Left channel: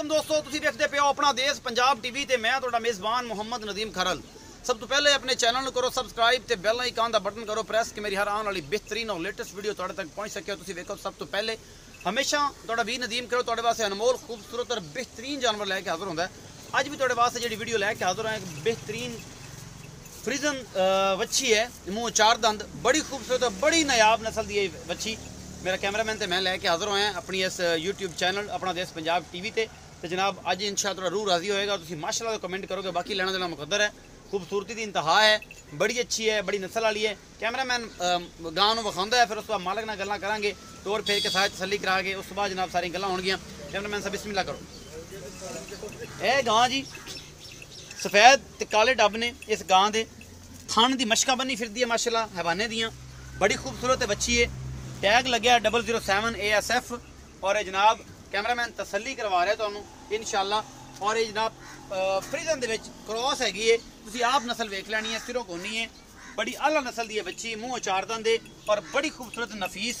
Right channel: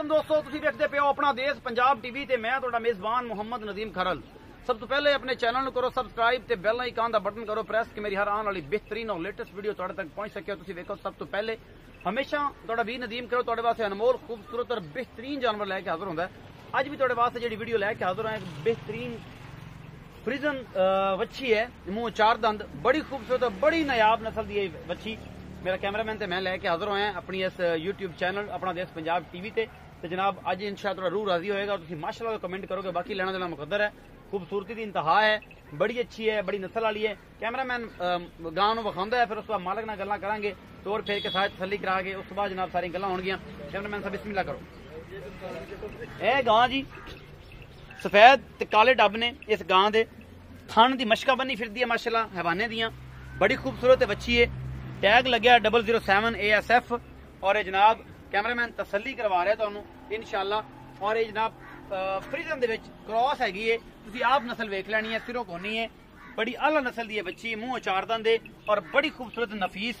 वालेकुम दोस्तों, तुसीं देखदे पे हो अपना देश पंजाब टीवी ते मैं तुहाडा मेज़बान मुहम्मद नदीम खरल। सब तो पहले अपने चैनल को करो सब्सक्राइब ते बेल आइकन दा बटन करो प्रेस कि मेरी हर आने वाली बेहतरीन और लेटेस्ट वीडियो तुहाडे तक पहुंच सके। तुसीं वेखो सब तो पहले हमेशा तुहाडा वीर नदीम करो तुहाडे वास्ते अनमोल खूबसूरत और बेहतरीन जानवर लैके हाजिर होंदा है। अज भी तुहाडे वास्ते जिहड़ी वीडियो लैके हाजिर है एक बेहतरीन फ्रीजन वच्छी है, मुँह चार दंद, बड़ी खूबसूरत और बड़ी नायाब नस्ल की वच्छी। मेरा कैमरामैन तो मैं लैके हाजिर होया अपनी इस यूट्यूब चैनल अपना देश पंजाब टीवी ते जनाब अज इंशाअल्लाह थोड़ा रूह राजी होएगा। तुसीं माशाअल्लाह तो कमेंट करोगे, बाकी लेना देना मुकद्दर है। खूबसूरती की इंतहा है, बड़ी अच्छी है, बड़ी नस्ल वाली है। कैमरामैन गांव में विखाउंदा है, फिर उस बाद मालक नाल गल्लां करांगे, तोड़ फेर के साथ तसल्ली करा के उस बाद जनाब सारी गल्लां होणगियां। कैमरामैन साहब बिस्मिल्लाह करो। यह गां जी सफेद ते काले डब ने, इस गां दे थान दी मशका बनी फिरदी है माशाअल्लाह हैवाने दियां, बड़ी खूबसूरत बच्ची है। टैग लग्या 007 ASF और ये जनाब कैमरामैन तसल्ली करवा रहा है तुहानू इंशाअल्लाह। और ये जनाब फ्रीजन दे विच क्रॉस हैगी है, तुसीं आप नस्ल वेख लैनी है, सिरों कोनी है, बड़ी आला नस्ल दी है बच्ची, मुँह चार दंद है और बड़ी खूबसूरत नफीस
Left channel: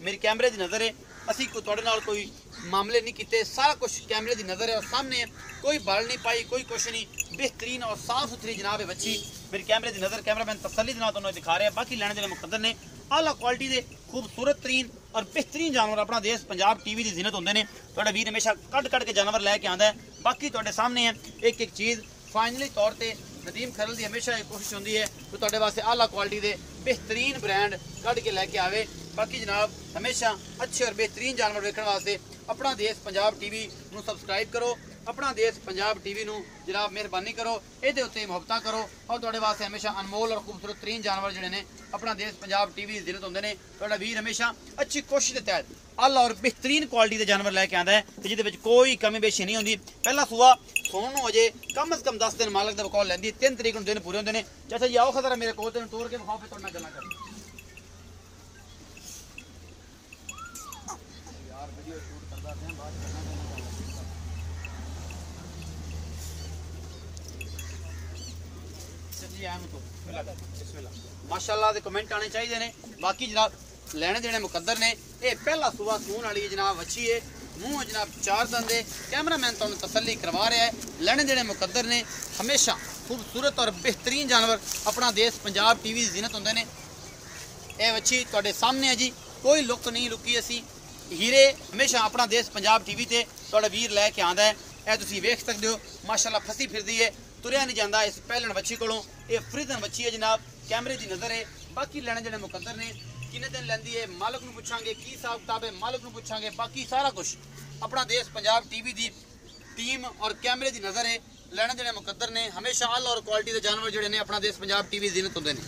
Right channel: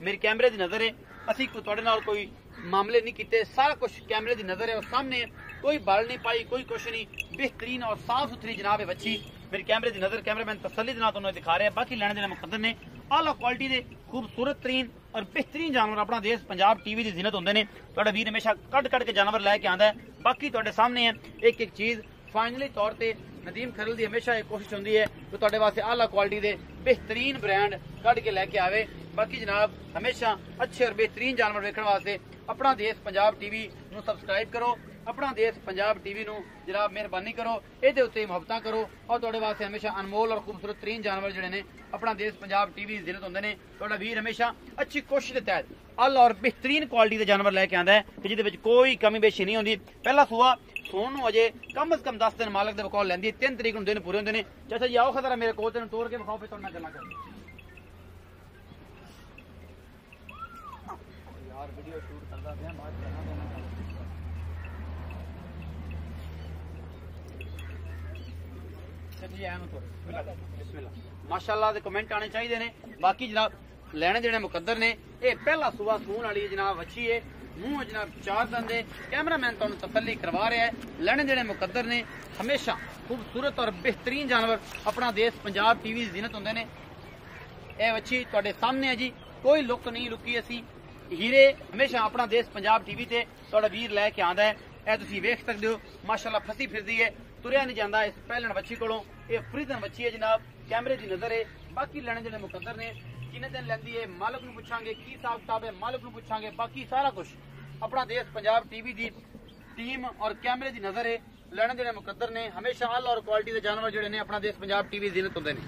मेरी कैमरे की नज़र है। असी तुहाडे नाल कोई मामले नहीं किए, सारा कुछ कैमरे की नज़र है और सामने है, कोई बल नहीं पाई, कोई कुछ नहीं, बेहतरीन और साफ सुथरी जनाब है बच्ची मेरी कैमरे की नज़र। कैमरामैन तसल्ली के नाल तुहानू दिखा रहे हैं। बाकी लैने देने मुकद्दर ने, आला क्वालिटी के खूबसूरत तरीन और बेहतरीन जानवर अपना देश पंजाब टीवी की जीनत होंगे ने। तुहाडा वीर हमेशा कट कट के जानवर लैके आंदा है। बाकी तुहाडे सामने है एक एक चीज़ फाइनली तौर पर नदीम खरल की हमेशा एक कोशिश होंदी है कि तुहाडे वास्ते आला क्वालिटी के बेहतरीन ब्रांड कढ़ के लैके आवे। बाकी जनाब हमेशा अच्छे और बेहतरीन जानवर वेखण वास्ते अपना देश पंजाब टीवी नू सबसक्राइब करो, अपना देश पंजाब टीवी नू जनाब मेहरबानी करो, ये उत्ते मुहब्बतां करो और तुहाडे वास्ते हमेशा अनमोल और खूबसूरत तरीन जानवर जिहड़े ने अपना देश पंजाब टीवी की जिन्नत होंदे ने। तुहाडा वीर हमेशा अच्छी कोशिश के तहत आला और बेहतरीन क्वालिटी के जानवर लैके आंदा है कि जिहदे विच कोई कमी बेशी नहीं होंदी। पहला सूआ सोन नूं अजे कम अज कम 10 दिन मालक दे बकौल लैंदी, 3 तरीक नूं दिन पूरे होंदे ने। चाचा जी आओ खतरा मेरे कोल, तेनूं तोड़ के विखाओ, फिर तुहाडे नाल गल्लां करो। माशाअल्लाह दे कमेंट आने चाहिए ने। बाकी जनाब लेने देने मुकद्दर ने। ये पहला सुबह सून वाली जनाब अच्छी है, मुँह जनाब चार दंद है। कैमरामैन तुहानू तसल्ली करवा रहा है, लेने देने मुकद्दर ने। हमेशा खूबसूरत और बेहतरीन जानवर अपना देश पंजाब टीवी की जीनत होंगे ने। यह अच्छी तुहाडे सामने है जी, कोई लुक नहीं लुकी, असी हीरे हमेशा अपना देश पंजाब टीवी ते तुहाडा वीर लैके आंदा है। यह तुसीं वेख सकते हो माशाअल्लाह फसी फिरदी है, तुरिया नहीं जाता इस पहलन बच्ची को। यह फ्रीजन बच्ची है जनाब, कैमरे की नज़र है। बाकी लेने देने मुकद्दर ने, किन्ने दिन लैंदी है मालक नूं पुछांगे की हिसाब किताब है, मालक नूं पुछांगे। बाकी सारा कुछ अपना देश पंजाब टीवी की टीम और कैमरे की नज़र है। लेने देने मुकद्दर ने, हमेशा आला और क्वालिटी के जानवर जिहड़े ने अपना देश पंजाब टीवी की जीनत होंदे ने।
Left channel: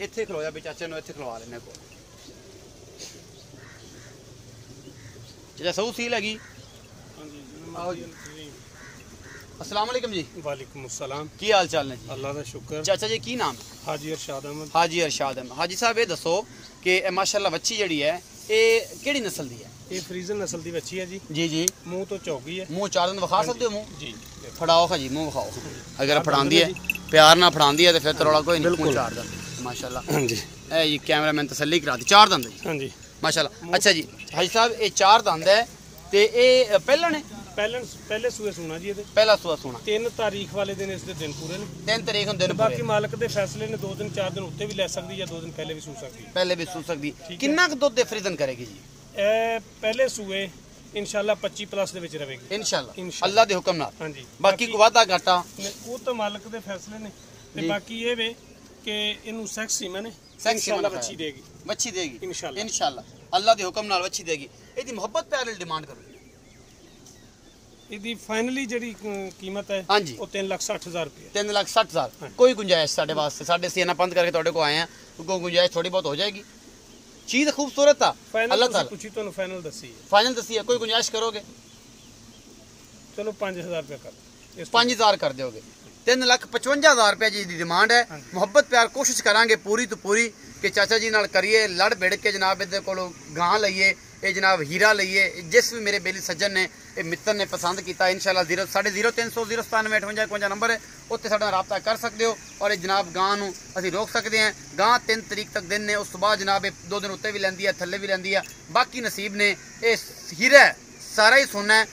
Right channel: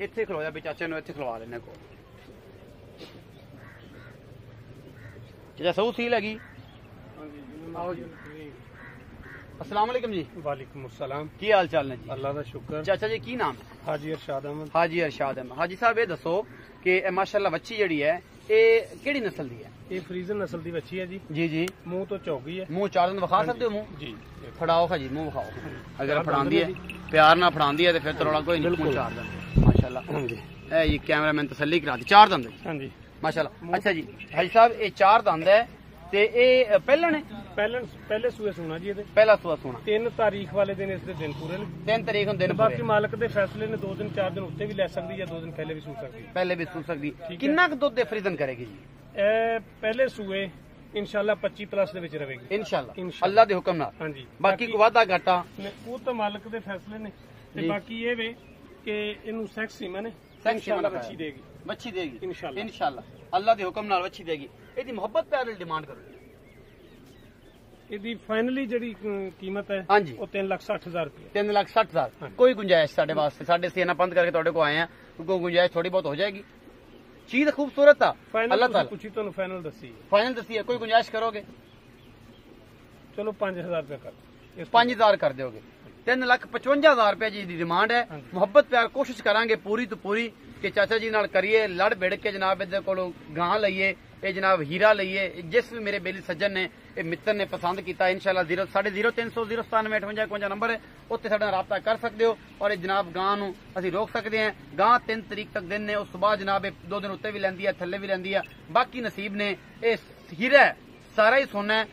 इत्थे खलोया भी चाचे नूं, इत्थे खलवा लेने को चाचा सऊ सील हैगी। अस्सलाम वालेकुम जी। वालेकुम अस्सलाम। की हाल चाल ने जी? अल्लाह का शुक्र। चाचा जी की नाम? हाजी अरशाद अहमद। हाजी अरशाद अहमद। हाजी साहब ये दसो कि माशाअल्लाह बच्ची जड़ी है ये केड़ी नस्ल दी है? ये फ्रीजन नस्ल दी बच्ची है जी। जी जी। मुंह तो चौकी है, मुंह चार दिन विखा सकते हो? मुंह जी फड़ाओ खा जी, मुंह विखाओ। अगर फड़ांदी है प्यार ना फड़ांदी है तो फिर तो रौला कोई नहीं। मुंह चार दिन माशाअल्लाह। हाँ जी, ये कैमरामैन तसल्ली करा दी, चार दंद। हाँ जी माशाअल्लाह। अच्छा जी हाजी साहब ये चार दंद है ते ये पहलन है? पहले सूए सुना जी। ये पहला सूआ सोना 3 तारीख वाले दिन इसके दिन पूरे ने। 3 तारीख ਨੂੰ ਦਿਨ बाकी मालक के फैसले ने 2 दिन 4 दिन उत्ते भी ले सकती है, 2 दिन पहले भी सू सकती है। पहले भी सू सकती। कितना क दुध फ्रीजन करेगी जी? पहले सूए इंशाल्लाह 25+ ਦੇ ਵਿੱਚ ਰਹੇਗੀ इंशाल्लाह अल्लाह ਦੇ ਹੁਕਮ ਨਾਲ। ਹਾਂਜੀ ਬਾਕੀ ਕੋ ਵਾਦਾ ਘਾਟਾ ਉਹ ਤਾਂ ਮਾਲਕ ਦੇ ਫੈਸਲੇ ਨੇ। ਤੇ ਬਾਕੀ ਇਹ ਵੇ ਕਿ ਇਹਨੂੰ ਸੈਕਸ ਸੀਮਨ ਨੇ इंशाल्लाह ਬੱਚੀ ਦੇਗੀ। ਬੱਚੀ ਦੇਗੀ इंशाल्लाह इंशाल्लाह अल्लाह ਦੇ ਹੁਕਮ ਨਾਲ ਬੱਚੀ ਦੇਗੀ। ਇਹਦੀ ਮੁਹੱਬਤ ਪਿਆਰ ਲਈ ਡਿਮਾਂਡ ਕਰੋ। ਇਹਦੀ ਫਾਈਨਲੀ ਜਿਹੜੀ ਕੀਮਤ ਹੈ ਹਾਂਜੀ ਉਹ 3,60,000 रुपये। 3,60,000 कोई गुंजाइश साढ़े वास्ते? साढ़े सीना बंद करके तुहाडे को आए हैं, कोई गुंजाइश थोड़ी बहुत हो जाएगी? चीज खूबसूरत है अल्लाह ताला पूछी तो फाइनल दसी है। फाइनल दसी है, कोई गुंजाइश करोगे? चलो 5,000 रुपया कर 5,000 कर दोगे। 3,55,000 रुपये जी डिमांड है। मुहब्बत प्यार कोशिश करांगे पूरी तो पूरी कि चाचा जी नाल करिए, लड़ भिड़ के जनाब इहदे कोलों गां लईए। ਇਹ ਜਨਾਬ ਹੀਰਾ ਲਈਏ। ਜਿਸ ਵੀ ਮੇਰੇ ਬੇਲੀ ਸੱਜਣ ਨੇ ਇਹ ਮਿੱਤਰ ਨੇ ਪਸੰਦ ਕੀਤਾ ਇਨਸ਼ਾਅੱਲਾ 0300 097 58 ਨੰਬਰ ਹੈ, ਉੱਤੇ ਸਾਡੇ ਨਾਲ ਰਾਬਤਾ ਕਰ ਸਕਦੇ ਹੋ। ਔਰ ਇਹ ਜਨਾਬ ਗਾਂ ਨੂੰ ਅਸੀਂ ਰੋਕ ਸਕਦੇ ਹਾਂ। ਗਾਂ 3 ਤਰੀਕ ਤੱਕ ਦਿਨ ਨੇ, ਉਸ ਤੋਂ ਬਾਅਦ ਜਨਾਬ ਇਹ 2 ਦਿਨ ਉੱਤੇ ਵੀ ਲੈਂਦੀ ਹੈ, ਥੱਲੇ ਵੀ ਲੈਂਦੀ ਹੈ, ਬਾਕੀ ਨਸੀਬ ਨੇ। ਇਹ ਹੀਰਾ ਸਾਰਾ ਹੀ सोना है,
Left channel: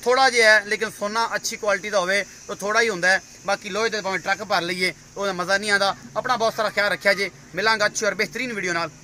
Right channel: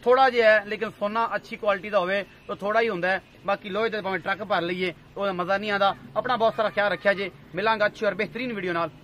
थोड़ा जिहा है लेकिन सोना अच्छी क्वालिटी का होवे तो थोड़ा ही होंदा है। बाकी लोहे दे भावें ट्रक भर लईए तो मज़ा नहीं आता। अपना बहुत सारा ख्याल रखिया जे। मिलांगा अच्छी और बेहतरीन वीडियो नाल।